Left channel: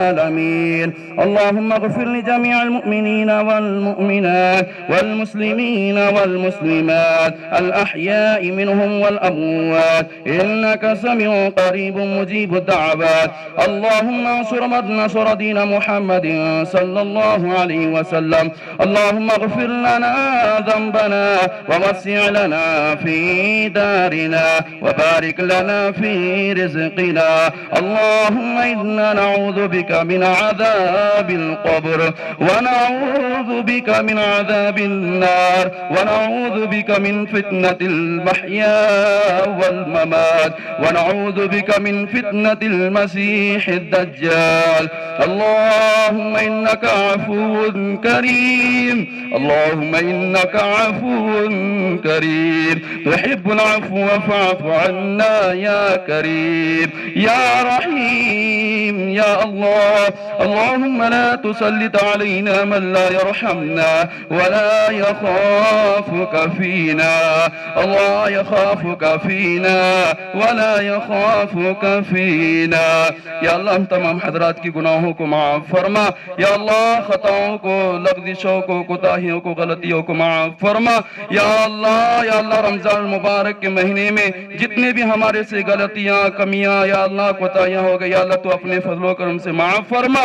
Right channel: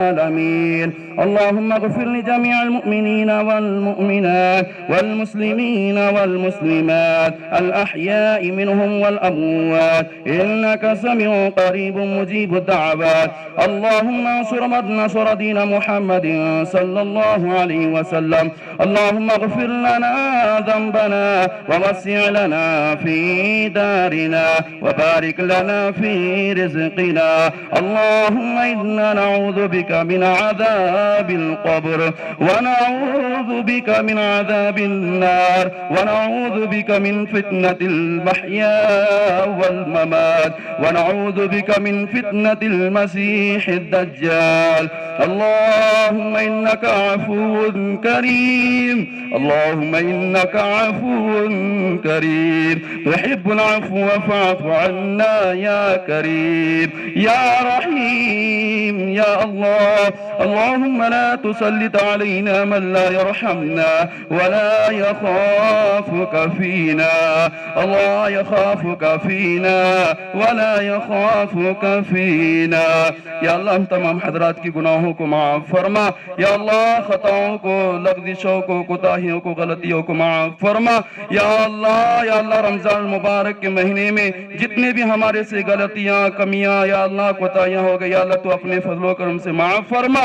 العالمين. اللهم اغفر لجميع المؤمنين والمؤمنات والمسلمين والمسلمات الأحياء منهم والأموات إنك سميع قريب مجيب الدعوات. اللهم انصر من نصر دين محمد صلى الله عليه وسلم. اللهم اغفر لنا ذنبنا ووسع لنا في دارنا وبارك لنا في رزقنا. اللهم إنا نعوذ بك من عذاب القبر ونعوذ بك من عذاب النار ونعوذ بك من فتنة المحيا والممات ونعوذ بك من فتنة المسيح الدجال. اللهم إنك عفو كريم. اللهم إنك عفو كريم تحب العفو فاعف عنا يا كريم يا رحيم يا الله. اللهم لا تسلط علينا من لا يرحمنا ولا يخافك فينا. الله يخافك فينا ولا يخافك فينا. یا اللہ ہم تمام حضرات کی گناہوں کو معاف فرما. یا اللہ خطاؤں کو، لغزشوں کو، کوتاہیوں کو، غلطیوں کو معاف فرما. یا اللہ رمضان المبارک کے مہینے میں جتنے بھی ہمارے سے غلطیاں، کمیاں، یا اللہ کوتاہیاں ہو گئی، یا اللہ تو اپنے فضل و کرم سے معاف فرما.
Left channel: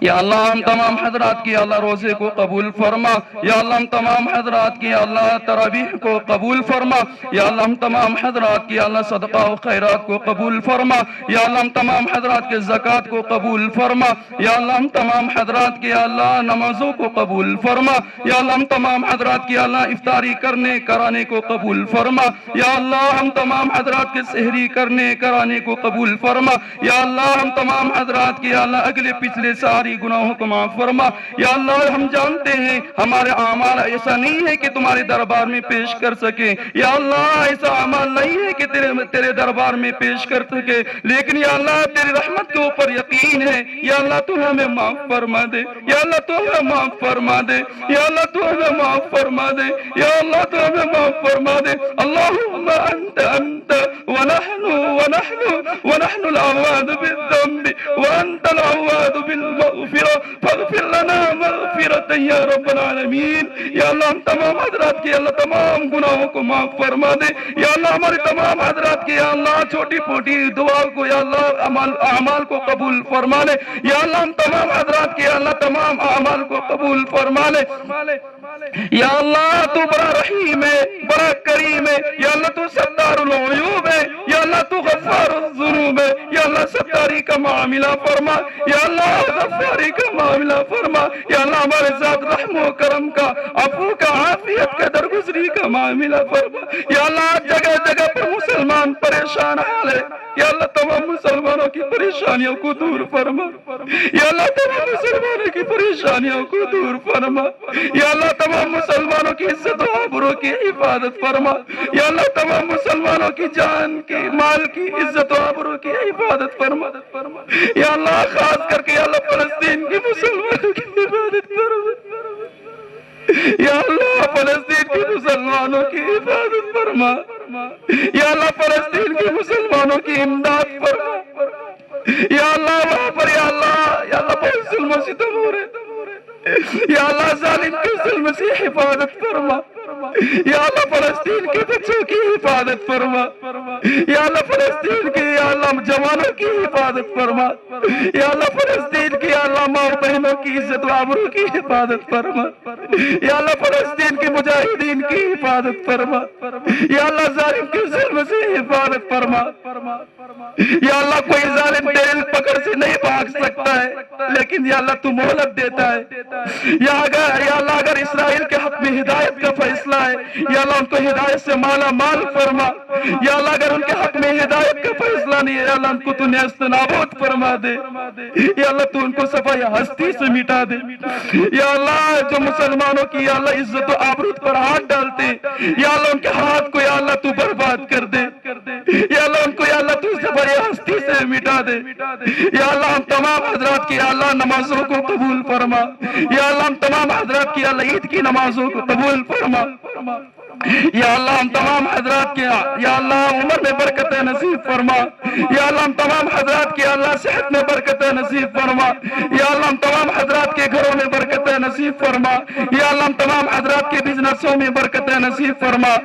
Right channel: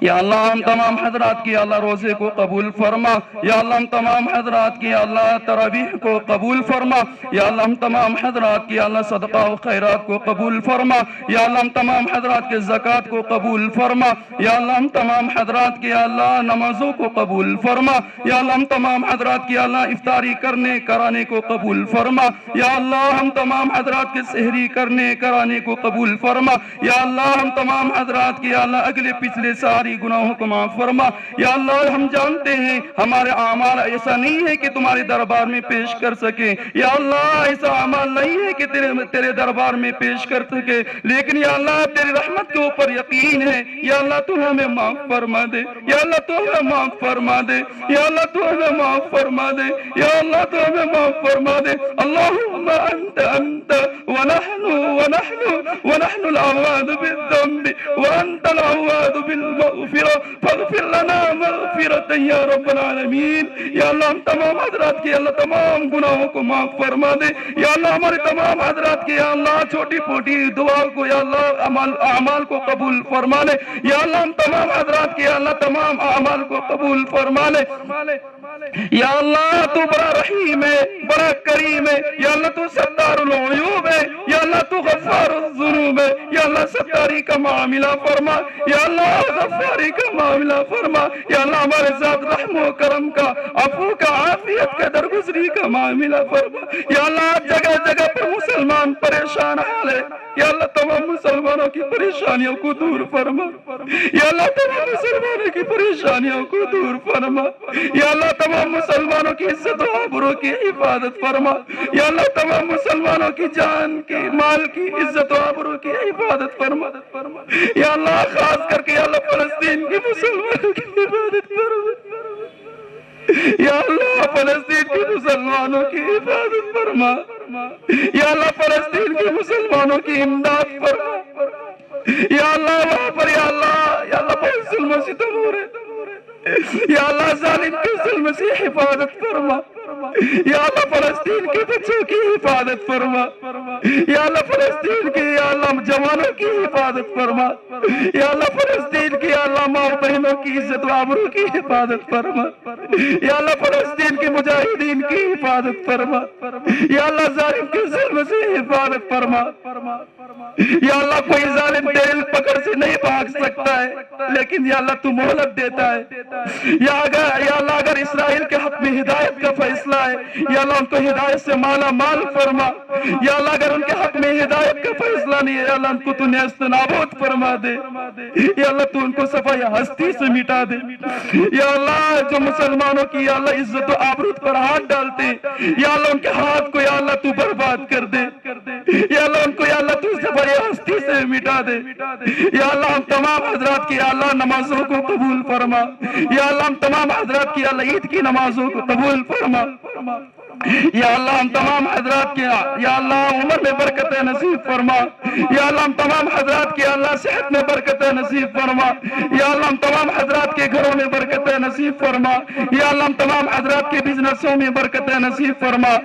یا اللہ ہم تمام حضرات کی اللہ روزے کو قبول فرما. یا اللہ ہم تمام حضرات کی اللہ تراویح کو قبول فرما. یا اللہ ہم تمام حضرات کی اللہ صدقہ و خیرات کو قبول فرما. یا اللہ ہم تمام حضرات کے زکوٰۃ کو قبول فرما. یا اللہ ہم تمام حضرات کی اللہ نمازوں کو قبول فرما. یا اللہ ہم تمام حضرات کی اللہ افطاری کرنے کرانے کو قبول فرما. یا اللہ ہم تمام حضرات کے سحری کرنے کرانے کو قبول فرما. یا اللہ ہم تمام حضرات کی اللہ اگلے پچھلے ساری گناہوں کو معاف فرما. یا اللہ ہم جانتے ہیں ہمارے اعمال ایسا نہیں ہے کہ تمہارے دربار میں پیش کر سکے. یا اللہ ایسا اعمال نہیں ہے کہ تیرے دربار میں پیش کر سکے، لیکن یا اللہ تیری رحمت کے اوپر یقین ہے. یا اللہ تو ہمیں معاف فرما دے. یا اللہ تو ہمیں معاف فرما دے. یا اللہ تو ہمیں معاف فرما دے. یا اللہ تو ہمیں معاف فرما دے. اللہم انت ونحن العواد بالذنب وانت العواد بالمغفرة فاغفر لنا مغفرة یا رب العالمین. یا اللہ ہم تمام حضرات کی اللہ تمام گناہوں کو معاف فرما دے. یا اللہ ہمارے تمام حضرات کی یا اللہ چھوٹی موٹی دعا کو یا اللہ اعمال کو قبول فرما لے. یا اللہ ہم تمام حضرات کی یا اللہ تمام اعمال کو قبول فرما لے. یا اللہ تو بڑا رحیم ہے، بڑا کریم ہے. یا اللہ تو ستار العیوب ہے. یا اللہ تو غفار الذنوب ہے. یا اللہ ستاری کا معاملہ فرما. یا اللہ غفاری کا معاملہ فرما. یا اللہ ہمارے ساتھ رحم و کرم کا، عفو کا، عافیت کا، درگزری کا معاملہ فرما. یا اللہ جگہ جگہ پر مسلمان پریشان حال ہے. یا اللہ تمام مسلمانوں کی پریشانیوں کو دور فرما. یا اللہ تمام مسلمانوں کی پریشانیوں کو دور فرما. یا اللہ تمام مسلمانوں کی عزت و آبرو کی حفاظت فرما. یا اللہ تمام مسلمانوں کی جان کی، مال کی، عزت و آبرو کی حفاظت فرما. یا اللہ خاص کر کے یا اللہ فلسطین کے مسلمانوں کی حفاظت فرما. یا اللہ فلسطین کے مسلمانوں کی حفاظت فرما. یا اللہ فلسطین کے مسلمانوں کی امداد فرما. یا اللہ وہاں پر یا اللہ بہت ظلم و ستم ہو رہے. یا اللہ ظالم کے ظلم سے حفاظت فرما. یا اللہ فلسطین کے بچوں کی حفاظت فرما. یا اللہ فلسطین کے یا اللہ جوانوں کی حفاظت فرما. یا اللہ فلسطین کی یا اللہ ماں بہنوں کی عزت و آبرو کی حفاظت فرما. یا اللہ فلسطین کے مجاہدین کی حفاظت فرما. یا اللہ ظالم کے ظلم سے حفاظت فرما. یا اللہ کوئی ظالم ڈیل پکڑ سے نہیں بھاگ سکتا ہے، لیکن یا اللہ تو مہلت دیتا ہے. یا اللہ اگر اسرائیل کے حق میں ہدایت کا فیصلہ ہے، یا اللہ ان کو ہدایت سے مالا مال فرما. یا اللہ اگر ان کے حق میں ہدایت کا فیصلہ نہیں ہے، یا اللہ ان کو تو نیست نابود فرما دے. یا اللہ تو ان کو صفحہ ہستی سے مٹا دے. یا اللہ جو مسلمانوں کی یا اللہ عزت و آبرو پر ہاتھ ڈالتے، یا اللہ ان کے ہاتھ کو یا اللہ تو برباد کر دے. یا اللہ ان کو یا اللہ تو صفحہ ہستی سے مٹا دے یا اللہ ہم تمام حضرات کی یا اللہ نمازوں کو قبول فرما یا اللہ ہم تمام حضرات کی یا اللہ عید کی نمازوں کو قبول فرما یا اللہ ہم تمام حضرات کی یا اللہ عمر میں برکت نصیب فرما یا اللہ ہم تمام حضرات کی اللہ صحت میں برکت نصیب فرما یا اللہ ہم تمام حضرات کے گھروں میں برکت نصیب فرما یا اللہ ہم تمام حضرات کے بزنسوں میں برکت نصیب فرما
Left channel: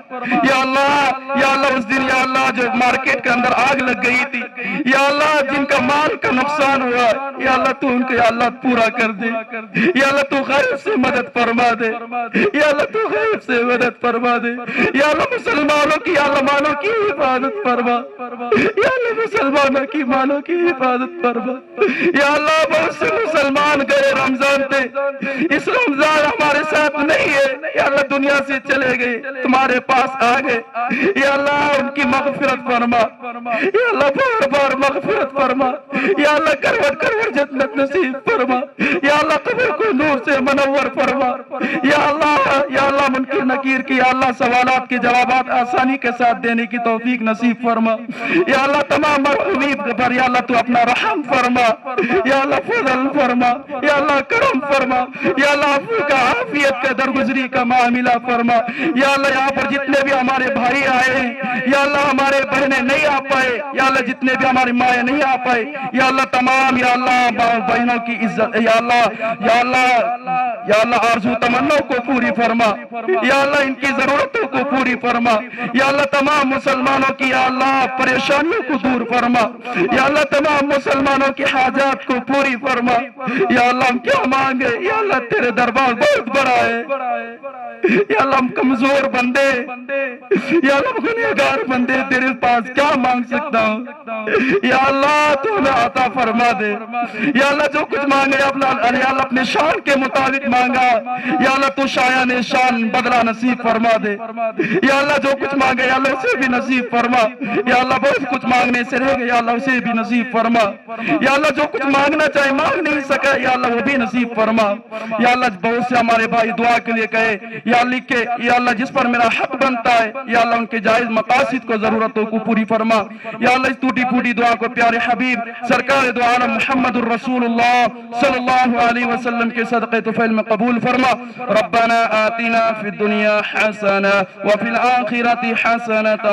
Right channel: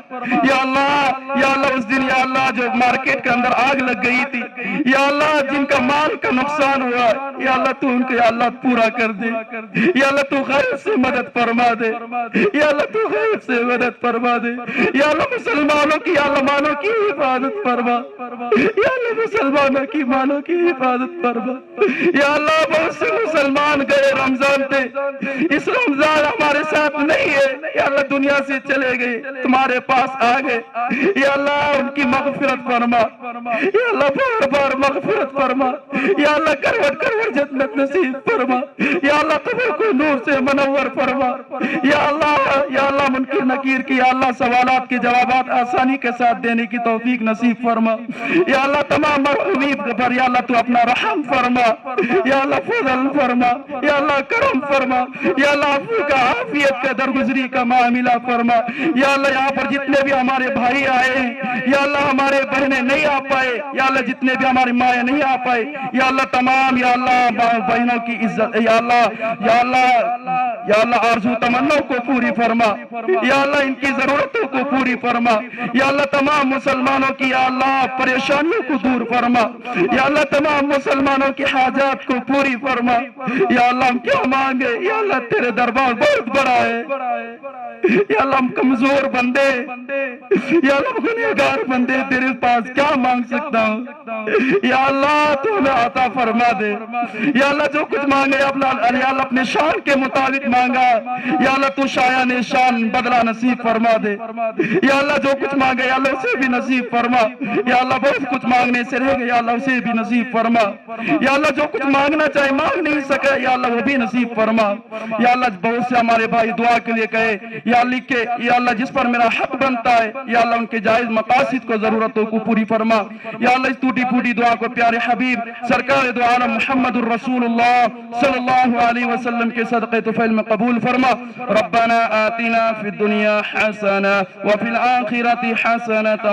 یا اللہ اس دن یا اللہ جو مارکیٹ کے اندر آگ لگ گئی تھی یا اللہ جن کا مال کا نقصان ہوا یا اللہ تو ان کو یا اللہ پورا کر دے یا اللہ تو غیب سے مدد فرما دے یا اللہ تو غیب سے مدد فرما دے یا اللہ مسلمانوں کی یا اللہ مانوں کی حفاظت فرما یا اللہ مسلمانوں کی مانوں کی حفاظت فرما یا اللہ بہت سے مسلمان گئے رمضان پہ اس رمضان ہمارے ساتھ نہیں ہے یا اللہ دنیا سے چلے گئے تمہارے پاس آ گئے یا اللہ ان کی مغفرت فرما یا اللہ بار بار مغفرت فرما یا اللہ کروٹ کروٹ جنت نصیب فرما یا اللہ قبر کو نور سے منور فرما یا اللہ منکر نکیر کی یا اللہ سوالات کے جوابات آسانی کے ساتھ دینے کی توفیق نصیب فرما یا اللہ تمام مرحومین پر یا اللہ تو اپنا رحم فرما یا اللہ فضل فرما یا اللہ کرم فرما یا اللہ عفو کا عافیت کا درگزری کا معاملہ فرما یا اللہ یہاں پر جتنے بھی ہمارے بھائی آئے ہیں یا اللہ ہمارے بہنیں نہیں آ پائے یا اللہ جتنے بھی ہماری مائیں نہیں آ پائے یا اللہ تمام یا اللہ بہنوں کی عزت یا اللہ آرزو تمنوں کو پوری فرما یا اللہ ان کی ضرورتوں کو پوری فرما یا اللہ تمام مسلمانوں کی یا اللہ پریشانیوں کو دور فرما یا اللہ تمام مسلمانوں کی حاجات کو پوری فرما یا اللہ ہم کیا مانگے یا اللہ تیرے دربار بہت بڑا ہے یا اللہ ہم کمزور بندے یا اللہ گنہگار بندے تیرے پاس کیا مانگ سکتا ہوں یا اللہ تو ہمیں عطا فرما دے یا اللہ جو کچھ مانگے یا اللہ اپنے شان کے مطابق مانگا یا اللہ تو شایان شان بدلہ نصیب فرما دے یا اللہ جو کچھ مانگے یا اللہ اسے بھی نصیب فرما یا اللہ بہت کچھ مانگنے سے رہ گئے یا اللہ اسے بھی نصیب فرما یا اللہ جو کچھ مانگنا چاہے مانگ نہیں سکے یا اللہ وہ بھی نصیب فرما یا اللہ بہت سے ہمارے بھائی دعا کے لیے کہے یا لکھے یا اللہ جس پر میرا حق بنتا ہے یا اللہ ان کے جائز مقاصد کو ضرورتوں کو پوری فرما یا اللہ اس ٹوٹی پھوٹی دعا کو پیارے حبیب سرکار دو عالم محمد الرسول اللہ صلی اللہ علیہ وسلم کے صدقے طفیل میں قبول فرما ربنا آتنا فی الدنیا حسنہ وفي الآخرة حسنة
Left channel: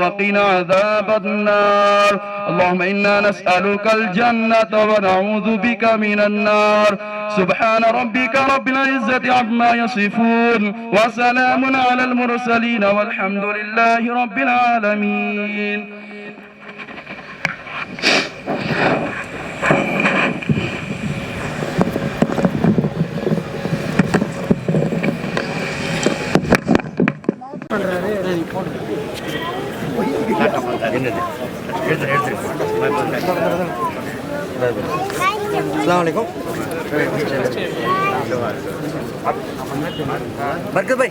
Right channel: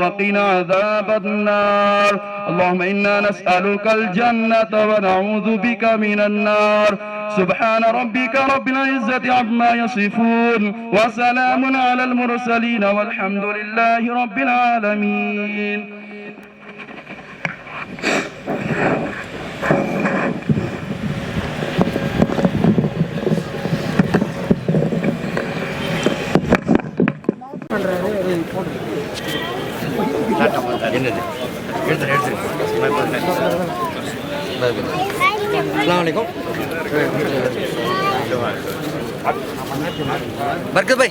وقنا عذاب النار اللهم إنا نسألك الجنة ونعوذ بك من النار سبحان ربك رب العزة عما يصفون وسلام على المرسلين والحمد لله رب العالمين السلام علیکم برکت بھائی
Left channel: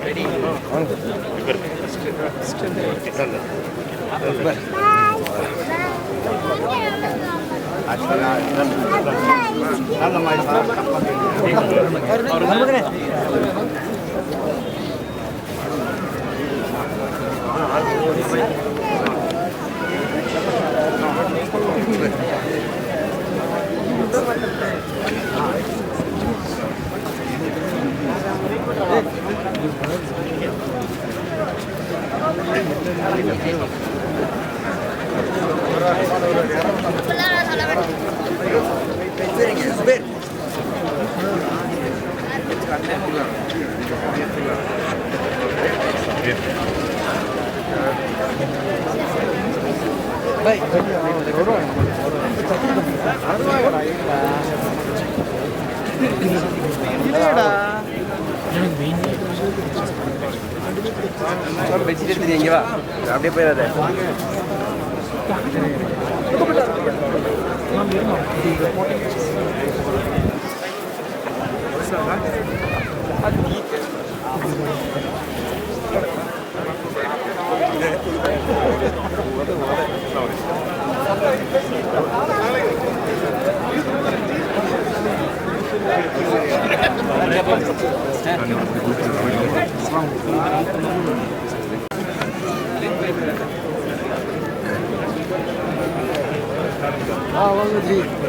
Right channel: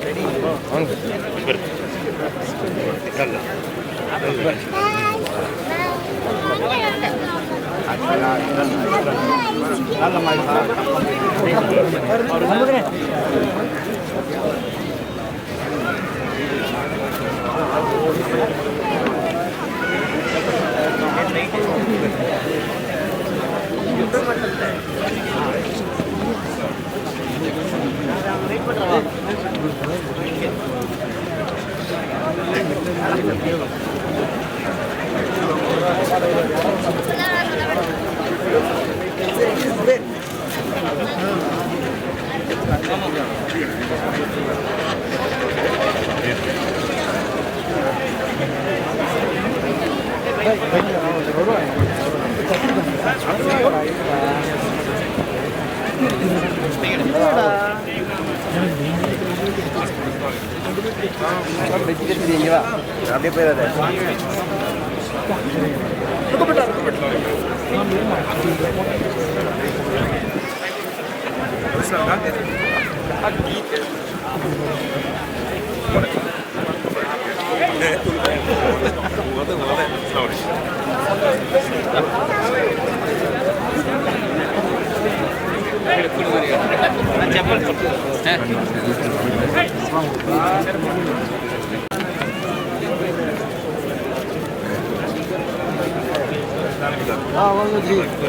Gracias. Assalamualaikum.